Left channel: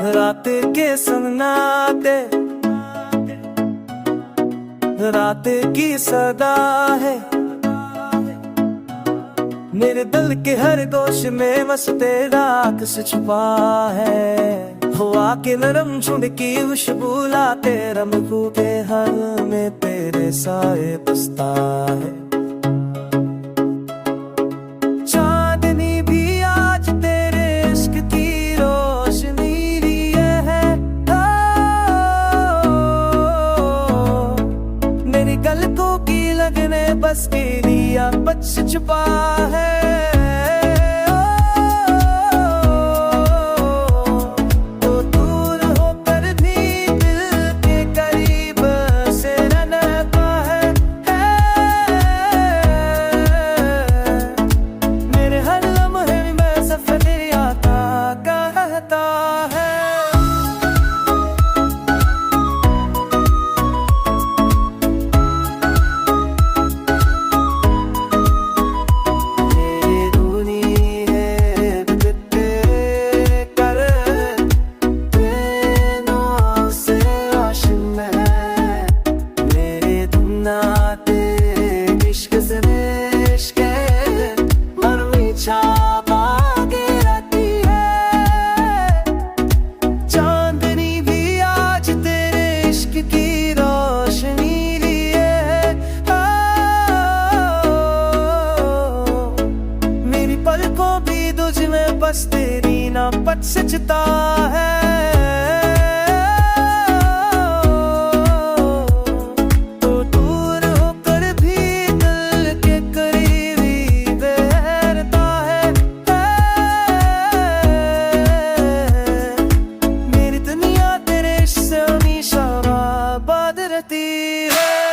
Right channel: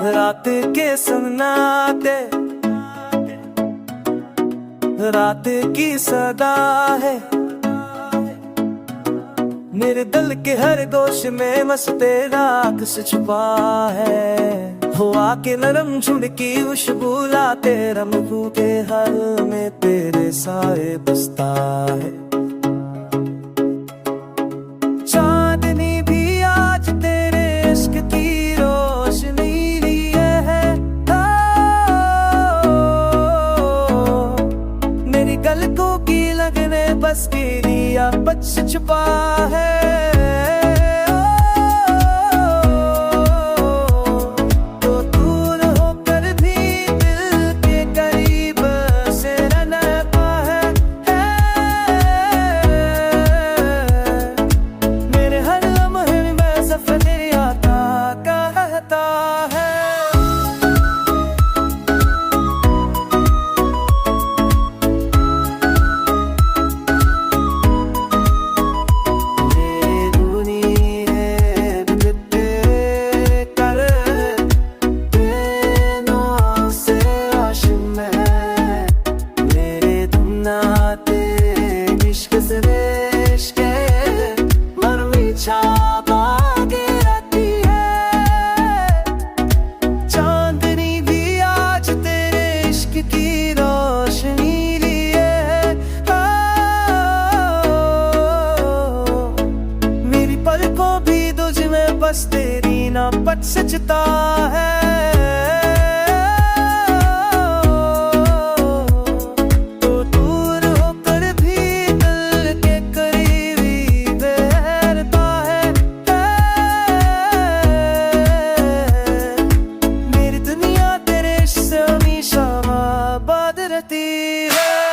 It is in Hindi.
रात के सन्नाटे, रात की सदा है, मेरे दिल के हर गोश में बस तेरा अक्स छुपा है। हवा के नरम झुंड की खुशबू लाते रमरू के हर में तेरे साए बसता है। चांदनी भी आज तेरे इश्क की रोशनी लिए है। मेरी गलतों की लगने बस के लिया बच छुपा है। तो दूर होकर भी दिल के करीब से रहता है। मेरे हर लम्हे में सफर आता कहता है। मेरे नाते इश्क से इश्क मरमी छापा के रहती है। चांदनी भी आज तेरे इश्क की रोशनी लिए है। मेरी पलकों भी तुझ में बस तेरी ना पट सचता है। दुनिया तेरे से हमेशा आबाद रहती है।